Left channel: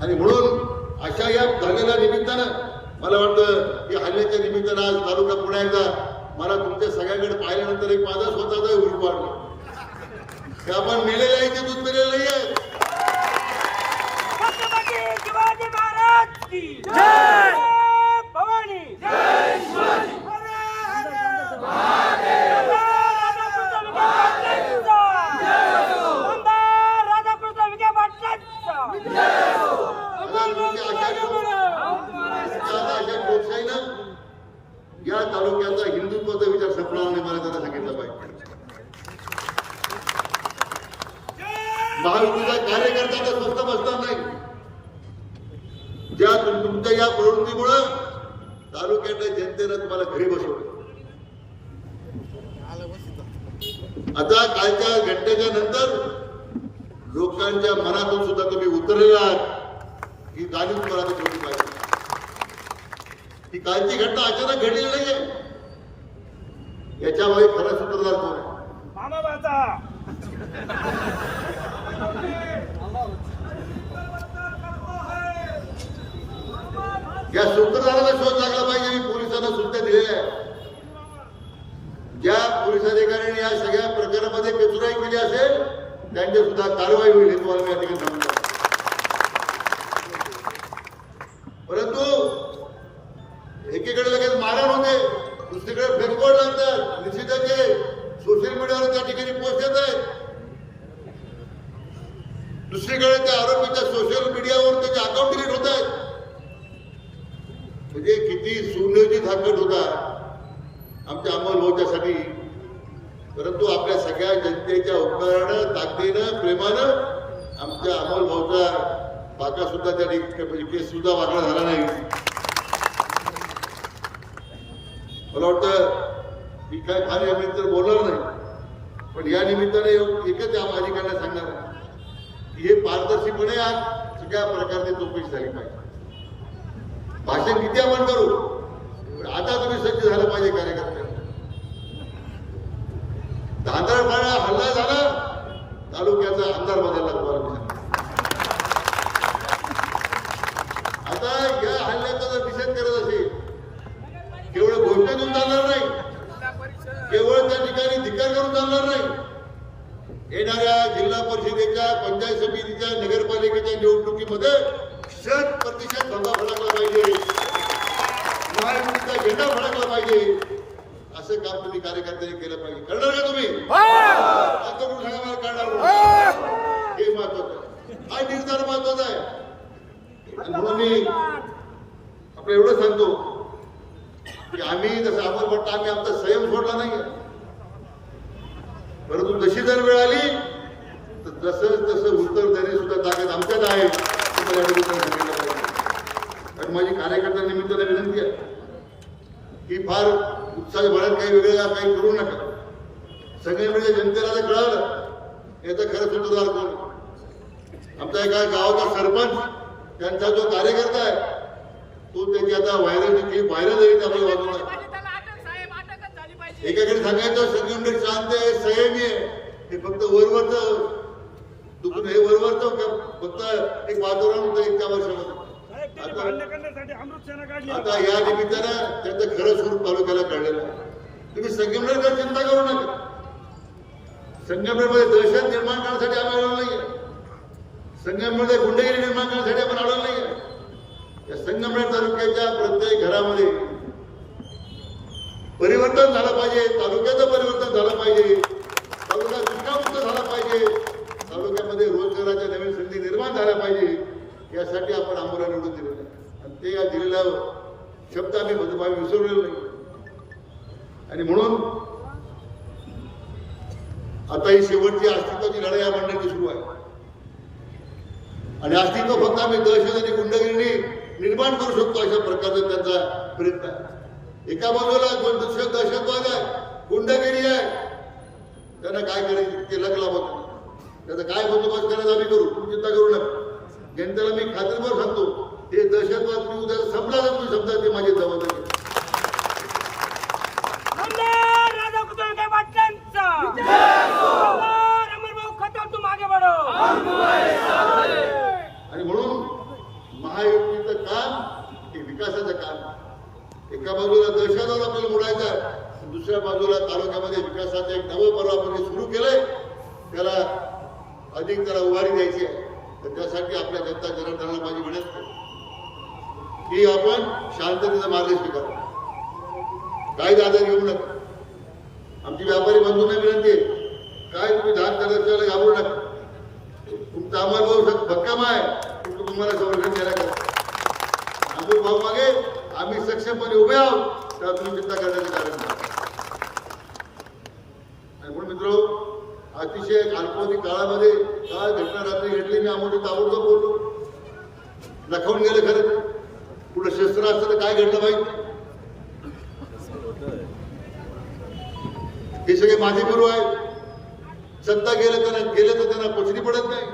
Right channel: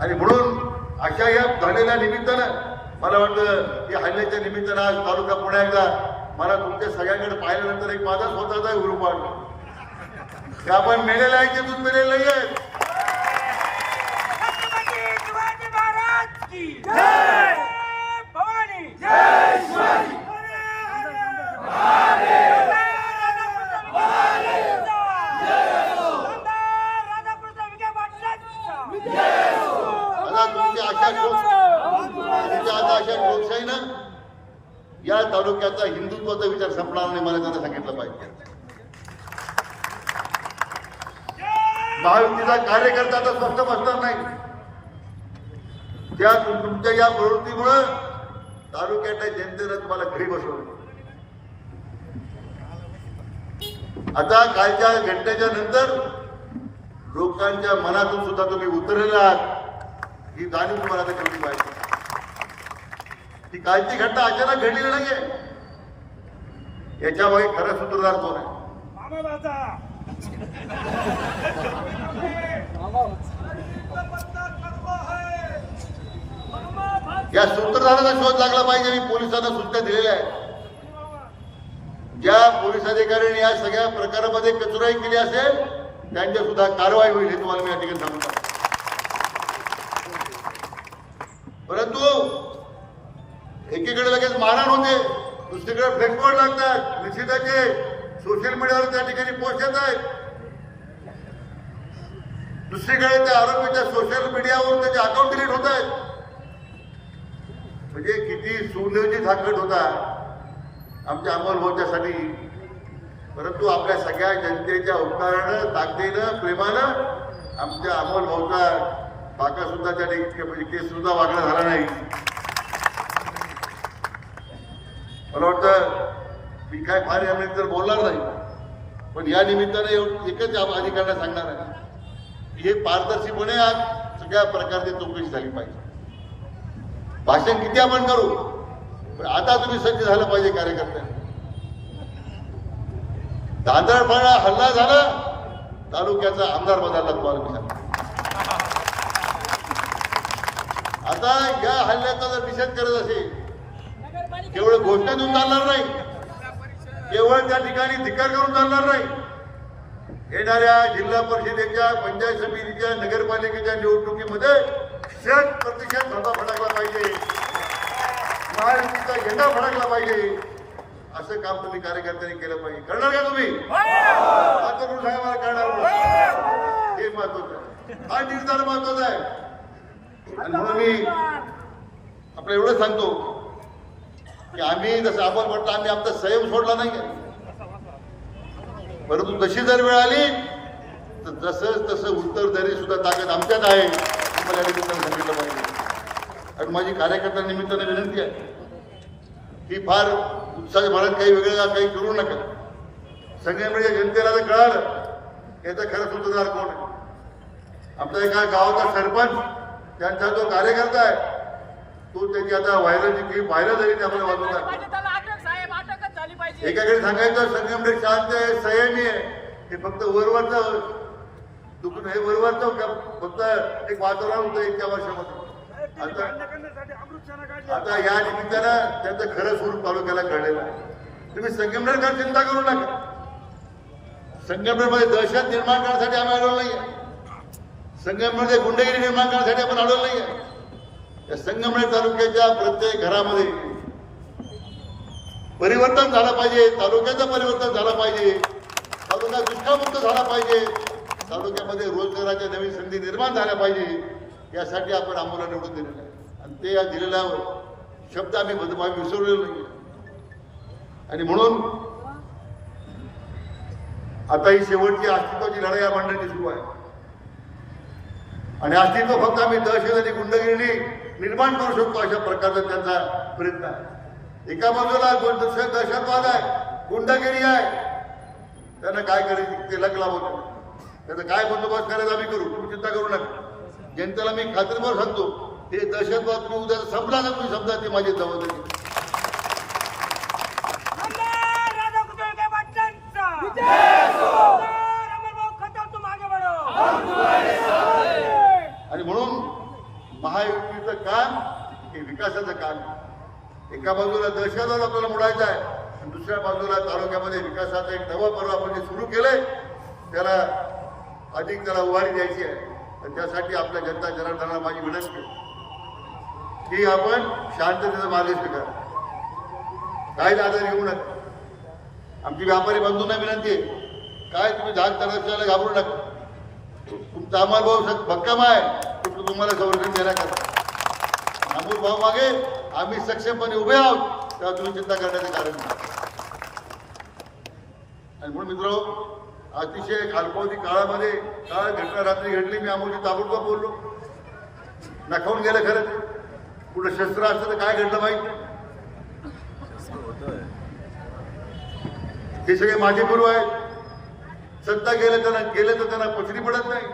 आणि म्हणून अशा या झालेल्या निमित्तानं मला वाटतं की हल्ल्याच्या निमित्तानं आज तालुका पुण्या एकदा मला तुमच्या सगळ्यांकडे पाहिल्यानंतर एक माझा स्वतःचा ग्रुप वाढला. ते आपण मेलेले आहे ते दूध मेलेले नाही आहेत. छत्रपती शिवाजी महाराज की जय भवानी जय शिवाजी राधाकृष्ण विखे पाटलांचा आता तुमच्या अशा लोक- तुमच्या आता अशा लोकशाहीनं या तालुक्याचा हिंदुत्वाचा विचार नाही मला त्यांना सांगितलं पाहिजे. महायुतीचा कार्यकर्ता तर स्पष्ट बसणार नाही. त्या तुमच्या या प्रवृत्तीमुळं तालुक्यातल्या जनतेनं तुम्हाला घरी बसवलं. आता कालच्या घटनेच्या नंतर लोकांच्या मनातून सुद्धा तुम्ही उतरलेला आहात. ही जाणीव तुम्हाला ठेवली पाहिजे. ही कालची घटना अचानक घडलेली नाहीये. याच्यामागे खरं सूत्रधार कोण आहे? या सूत्रधाराला शोध लागला पाहिजे मी पोलिसांना सूचना दिलेल्या आहे ज्या पोलीस अधिकाऱ्यांनी या सगळ्या प्रकारामध्ये कचुराई केली असेल त्यांच्या सुद्धा कारवाई होईल हे तुम्हाला मी या ठिकाणी सांगतो. परंतु एकीकडे लगेच मारहाण होते. दुसरीकडे फ्लेक्सबोर्ड लागतात. निश्चिताचे सोशल मीडियावर त्या ठिकाणी पोस्ट येत आहेत. दुसरीकडे त्या आरोपीच्या सोशल मीडियावर त्याचे अकाउंट डिलीट होत आहेत. म्हणजे किती सुनियोजित हाकट होता. आमच्या अंमलबजावणीसाठी परंतु आपल्या सगळ्या जनतेच्या उपकारानं ताकदीनं प्रेमानं आमच्या अंमलभाऊचा बाका सुद्धा त्या ठिकाणी म्हणजे केस सुद्धा वागणा झाला नाही. मला वाटतं मी काय फार तर बोलणार नाही. पण या निमित्ताने एकच या अधिकाऱ्यांना सांगणार आहे. की हे पारदर्शीपणे आज सगळ्या प्रकारची चौकशी झाली पाहिजे. भाषण किती आपण करू? पण आता तुम्ही सज्ज झालं पाहिजे कार्यकर्त्यांना. दांदरफाडा हल्ला झाला तालुक्याचा आमदार बदलला तुम्हाला मी सांगतो. आता या हल्ल्याचा जर निषेध करत असेल केवळ घोषणा देऊन चालणार नाही. केवळ त्या ठिकाणी धिकार करून चालणार नाही. येणाऱ्या जिल्हा परिषदेच्या पंचायत समितीच्या नगरपालिकेच्या निवडणुकीमध्ये शत प्रतिशत धंदा फडकला पाहिजे. महायुतीचा झेंडा फडकला पाहिजे. असं काम तुम्ही कार्यकर्त्यांनी केलं पाहिजे. करणार का तुम्ही? आता सांगा मला करणार हे महत्वाचं आहे. हा निर्धार महत्त्वाचा आहे. आणि म्हणून मी आपलं एवढं सांगतो. की आम्ही जसं आपण भट्ट आम्ही आमचा संयम सोडला नाही परंतु जशी जर वेळ आली तर जसं तसं उत्तर देणे सुद्धा ताकद आमच्यात आहे हे आणि माझी कार्यकर्ता निमित्ताने विनंती आहे की फार उत्साही भरत काही वेगळं काही करू नका. संघटनेच्या जनतेला जर कळालं याचं खरं सूत्रधार कोण आमचा एका गावाचा सरपंच त्यांचा जो कार्यकर्ता आहे तो त्याची आता व्हायरल क्लिप व्हायरल झाली ते आपल्याला वाजवून एकाकडे सांगायचं संगमनेर शांत आहे संयमी आहे. हे फक्त वरवरचं दुखून हे वरवरचं फक्त एक वातावरण होतं इतक्या वर्षामध्ये. आता आता या निमित्तानं त्याचं खरं स्वरूप तालुक्याला कळलेलं आहे. तुम्ही संगमनेरकर चिंता करू नका. संगमनेरमध्ये दहशत निर्माण करण्यासाठी आम्ही आलो नाही संगममध्ये गुंडेगिरी निर्माण करण्यासाठी आपण आलो नाही या संगमनेर तालुक्याच्या प्रत्येक घरामध्ये परिवर्तन झालं पाहिजे तालुक्याचं परिवर्तन झालं पाहिजे तालुका दुष्काळमुक्त झाला पाहिजे तालुक्यामध्ये रोजगाराच्या नवीन संधी निर्माण झाल्या पाहिजे यासाठी आपण आम्हाला निवडून दिलेलं आहे. आणि ते या दिलेला शब्द आम्ही बद- विसरलेलो नाही. आणि म्हणून आता ही शेवटची अस्तित्वाची लढाई या मंडळाची सुरू आहे. आणि अस्तित्व फक्त आम्ही दहशत आणि गुंडगिरी निर्माण करू शकतो अशा प्रकारचा त्यांचा प्रयत्न आहे. एका बाजूला दहशतवाद आहे गुंडगिरी आहे. त्यांना काय करायचं ते लग लाभत त्याचा काय बंदोबस्त करायला आम्ही करू तुम्ही चिंता करू नका. जनतेला मी खात्रीवर सांगतो हे दहशतवाद उद्या संपला जर तुम्ही समजा ती माझी जबाबदारी वंदे राधाकृष्ण विखे पाटलांचा अमर भाऊ खतम तू मागे बढो आणि म्हणून विकासाचं काम एका बाजूला दहशतवाद आपल्याला मोडायचा आहे. आणि दुसऱ्या बाजूला तालुक्यामध्ये विकासाचं एक नवं पर्व आपण जे सुरू केलंय. त्याला अधिक त्याला उभारी द्यायची आहे. तर त्यासाठी आपल्या जनता जनार्दनाला माझी विनंती आहे. की आपण शांततेचा मार्ग स्वीकार. काय आदर घेऊ नका. आमची व्यापारी बंधूंना विनंती आहे. काय तुम्ही धाक करायचं घाबरू नका. तुमचा आम्हाला भाऊ भक्कम आहे. तुम्हाला संरक्षण देण्याकरता. अमोल भाऊ मागे. आम्ही सक्षमपणे उभे आहोत. तेव्हा तुम्ही चिंता करण्याचं कारण नाही आणि म्हणून मित्र अतिशय काल्पनिक काळामध्ये काय घटना रात्री घडली मी अमोलची ताबडतोब बोललो. नखावून गेलं खरं कुठं शस्त्र असतं तर काय घडलं माहीत हे सगळे माझे गुरु आहेत. सत्ता गेलं त्यांना गेलं तर त्यांना पचडी पडत नाही.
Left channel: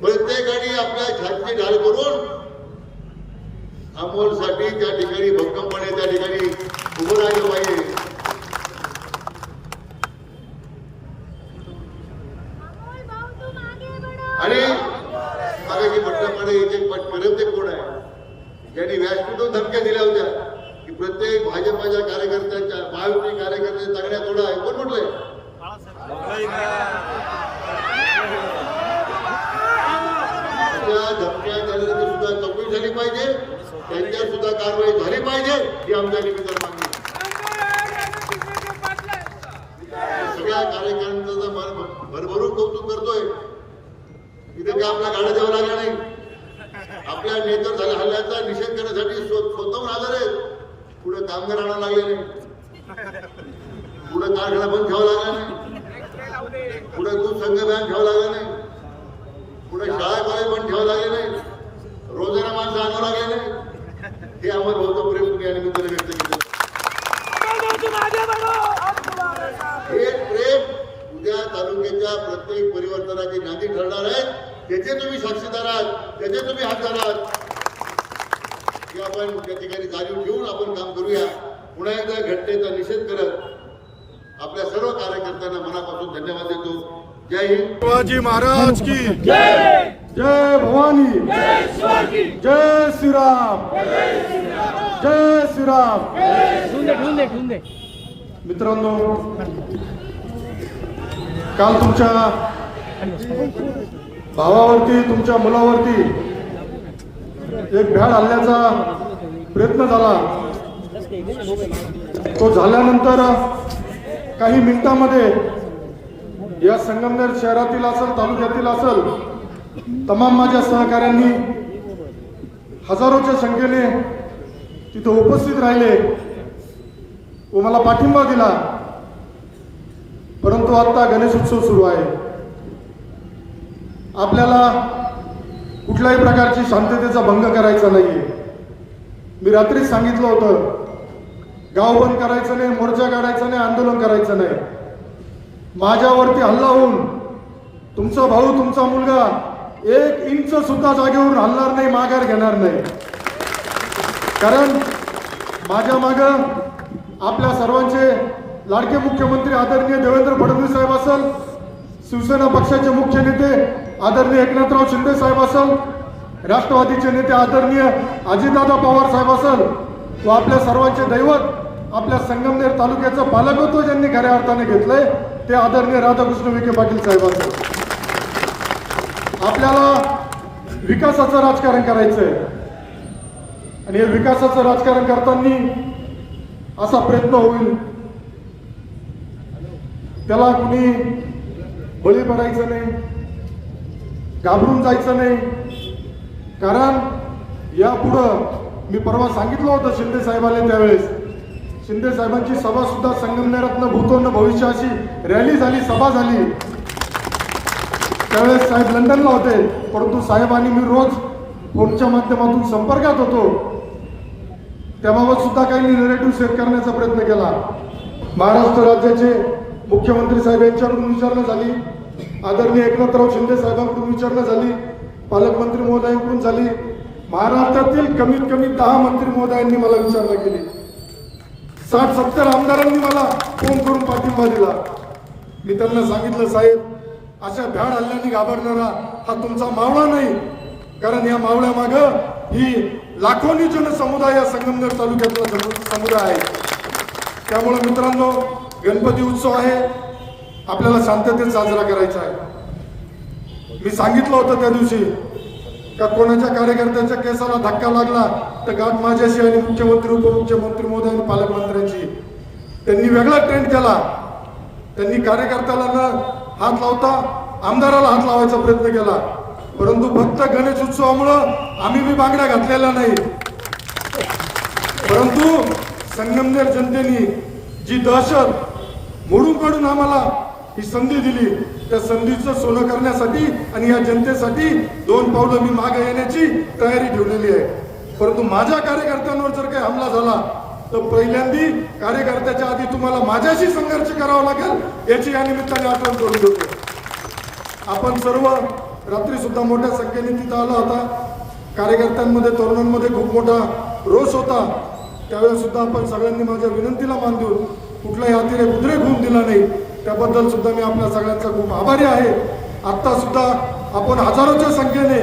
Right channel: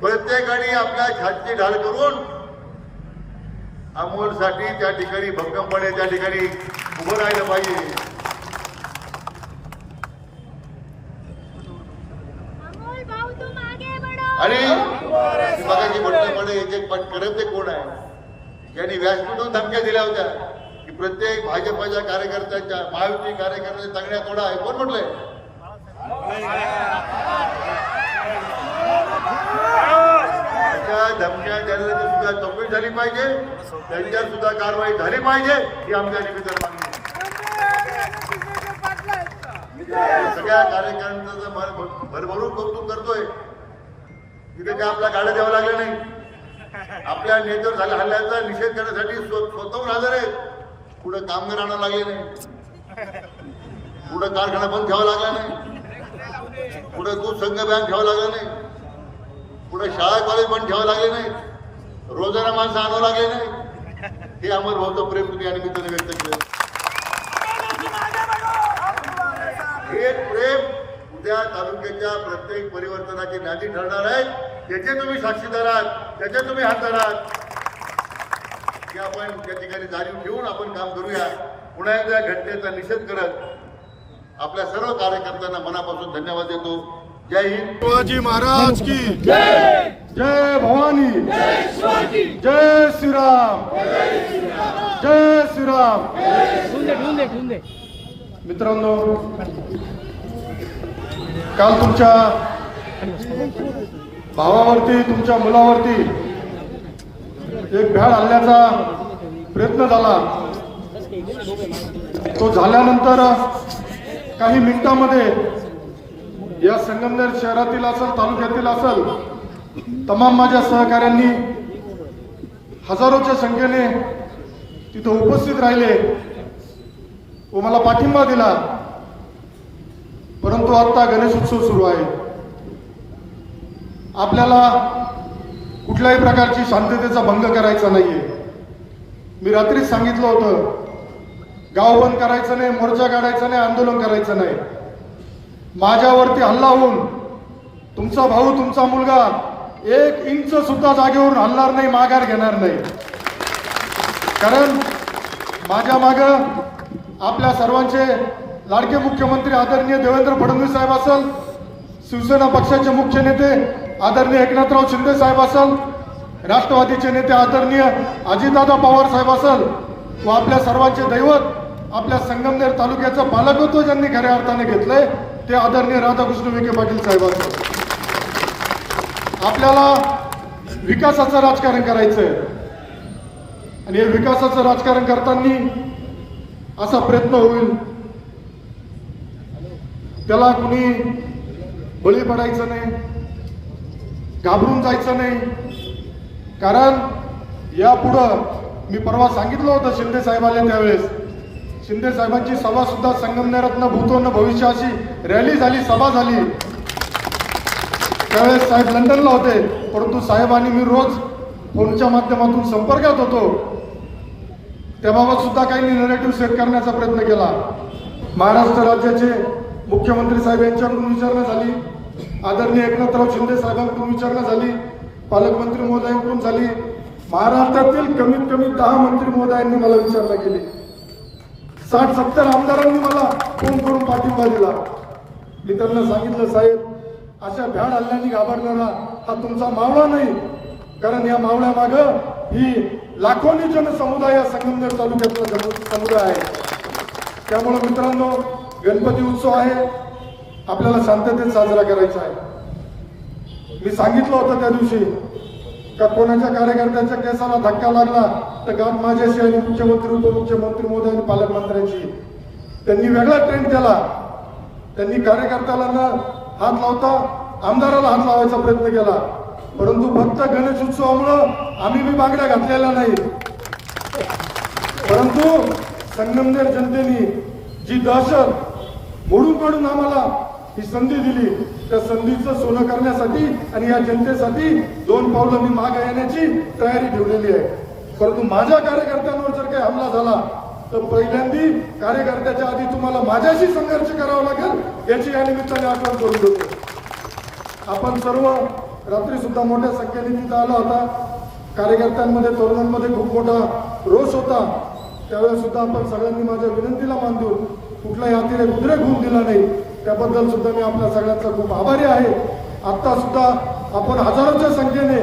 प्रत्येकाने आपल्या छातीची ढाल करून अमोलसाठी त्या ठिकाणी भक्कमपणे त्या ठिकाणी उभं राहिलं पाहिजे. अमोल भाऊ तुम आगे बढ़ो आणि मगाशी म्हटल्याप्रमाणे एक एक परत कोण आहे? ज्यांनी व्यासपीठून धमक्या दिल्या होत्या की प्रत्येक भाजपाच्या कार्यकर्त्यांच्या महायुती कार्यकर्त्यांच्या तगड्या तोडा आहे. कोण म्हटलंय? त्यांच्या धमक्या देणाऱ्याची सुद्धा चौकशी झाली पाहिजे त्यांच्यावर सुद्धा कारवाई झाली पाहिजे ही आमच्या निमित्त मागणी सगळ्या कार्यकर्त्यांचं मन भरभरून कौतुक करतोय तिथे काय आपल्या गाड्या द्यावं लागल्या नाही. आपल्या नेत्यावर झाल्या हल्ल्याचा निषेध करण्यासाठी स्वतःहून हजर आहेत. पुढे कामगार आणायला लागले नाही. पुढे कारखाना बंद ठेवावा लागला नाही. पुढे दूध संघ बँक ठेवावं लागला नाही. पुढे शाळा कॉलेज पण ठेवावं लागले नाही. रोजाना माणसं आणावं लागले नाही. हे अमर भाऊचं प्रेम तुम्ही या निमित्ताने व्यक्त केलं. हे प्रेम उद्या तालुक्याच्या प्रत्येक परिवर्तनाची नांदी ठरणार आहेत. त्याचे तुम्ही साक्षीदार आहात त्याचे तुम्ही हातदार आहात. की आपण त्या ठिकाणी जाणीव ठेवून आपण काम करूया. पुन्हा एकदा घटनेचा निषेध करत आपल्या सर्व कार्यकर्त्यांना मनापासून धन्यवाद देतो. जय हिंद। शिवाजी महाराज की। जय जय भवानी। जय श्रीराम। जय श्रीराम। ढूंढे ढूंढे ढूंढे। मित्रांनो काल तुमच्या भावावरती तुमच्या मुलावरती एक भ्याड हल्ल्याचा प्रयत्न झाला. तो झाल्यानंतर काही मिनिटांमध्ये या संगमनेर शहरातील असेल तालुक्यातील असेल तमाम माझ्या सहकाऱ्यांनी हजारोच्या संख्येने तिथे उपस्थित राहिले व मला पाठिंबा दिला. परंतु आता गणेश उत्सव सुरू आहे. आपल्याला कुठल्याही प्रकारची शांततेचा भंग करायचा नाहीये. मी रात्रीच सांगितलं होतं गाव बंद करायचं नाही मोर्चा काढायचा नाही आंदोलन करायचं नाही. माझ्यावरती हल्ला होऊन तुमचा भाऊ तुमचा मुलगा एक इंच सुद्धा जागेवरून हलणार नाही माघार घेणार नाही. कारण माझ्या माग आपल्या सर्वांचे लाडके मुख्यमंत्री आदरणीय देवेंद्र फडणवीस साहेब असेल शिवसेना पक्षाचे मुख्य नेते आदरणीय एकनाथराव शिंदे साहेब असेल राष्ट्रवादीचे नेते आदरणीय अजितदादा पवार साहेब असेल व आपल्या सर्वांचे दैवत. आपल्या संगमनेर तालुक्याचं पालकत्व ज्यांनी खऱ्या अर्थाने घेतलंय ते आदरणीय राधाकृष्ण विखे पाटील साहेबांचं आपल्याला विकासाचं राजकारण करायचंय. आणि हे विकासाचं राजकारण करताना असा प्रयत्न होईल. त्याला कुणी बळी पडायचं नाही घाबरून जायचं नाही. कारण यापुढं मी परवा सांगितलं होतं शिंदे साहेबांना त्यावेळेस. शिंदे साहेबांची सभा सुद्धा संगमनेरातनं भूतोन भविष्य अशी रॅली झाली सभा झाली. त्यावेळेस साहेब लंडनला होते परंतु साहेब आणि मी रोज फोनच्या माध्यमातून संपर्कात होतो. त्याबाबत सुद्धा काही नरेटिव्ह सेट करण्याचा प्रयत्न केला. महाराष्ट्र राज्याचे मुख्यमंत्री साहेब यांच्याकडून विचारणा झाली. आदरणीय एकनाथराव शिंदे साहेबांकडून विचारणा झाली. पालकमंत्री महोदयांकडून झाली. महाराष्ट्रातील कमीत कमी दहा मंत्री महोदयांनी मला विचारणा केली. साठ सत्तर आमदारांनी मला फोन करून पाठिंबा दिला. मी त्यांना सांगितलं साहेब अशा भ्याड हल्ल्याने घाबरलेला हा तुमचा मावळा नाही. कारण या मावळ्या माग ही लाखोनी जनसमुदाय या संगमनेर तालुक्यातला समुदाय आहे. त्यामुळे मित्रांनो गणपती उत्सव आहे. आपल्याला शांततेत साजरा करायचा आहे. मी सांगितलं होतं त्या दिवशी का कोणाच्या कार्यकर्त्याच्या केसाला धक्का लागला तर गाठ माझ्याशी आणि मुख्यमंत्री उपमुख्यमंत्री मोदी आणि पालकमंत्र्यांची त्यांनी वेगळा ट्रेंड केला. त्यांनी कार्यकर्त्याला हात लावता आमदाराला हात लावायचा प्रयत्न केला. परंतु फक्त गणेश उत्सवामुळं आम्ही बी बागड्या घातलेल्या नाही. परंतु संगमनेर जनतेने जी दहशत मोडून काढून आम्हाला ही संधी दिली. त्या संधीचं सोनं करण्यासाठी आणि या जनतेसाठी दोन पावलं मी मागे येण्याची तयारी ठेवलेली आहे. परंतु माझ्या कार्यकर्त्यांवर जर काही हमला झाला तर पहिल्यांदी कार्यकर्त्याच्या आधी तुम्हाला माझ्याशी संघर्ष करावा लागेल याची या निमित्ताने आपण करून देतो आपण सर्व रात्री सुद्धा मोठ्या संख्येने तिथं आला होता. कार्यकर्त्यांमध्ये तरुणांमध्ये खूप मोठा रोष होता. त्यावेळेस सुद्धा आपण सगळ्यांनी माझ्या विनंतीला मान देऊ कुठलाही अतिरेक उद्रेक होऊन दिला नाही. त्याबद्दल सुद्धा मी आपल्या सगळ्यांचा खूप आभारी आहे. आत्ता सुद्धा आपण हजारोच्या संख्येने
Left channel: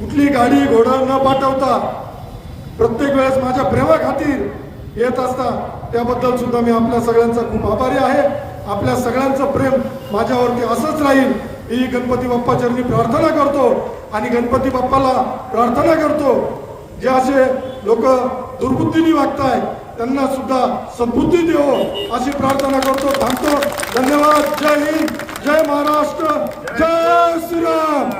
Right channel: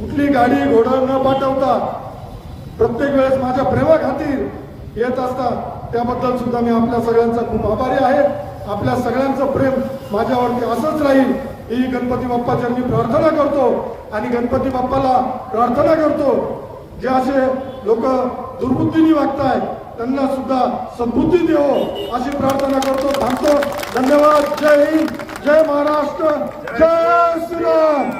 कुठली गाडी घोडा न पाठवता प्रत्येक वेळेस माझ्या प्रेमाखातीर येत असता त्याबद्दल सुद्धा मी आपल्या सगळ्यांचा खूप आभारी आहे. आपल्या सगळ्यांचं प्रेम माझ्यावरती असंच राहील. ही गणपती बाप्पाच्या मी प्रार्थना करतो आणि गणपती बाप्पाला प्रार्थना करतो. जे असे लोक दुर्बुद्धीने वागताय त्यांना सुद्धा सद्बुद्धी देवो अशी प्रार्थना करतो. थांबतो. धन्यवाद. जय हिंद. जय महाराष्ट्र. जय श्रीराम.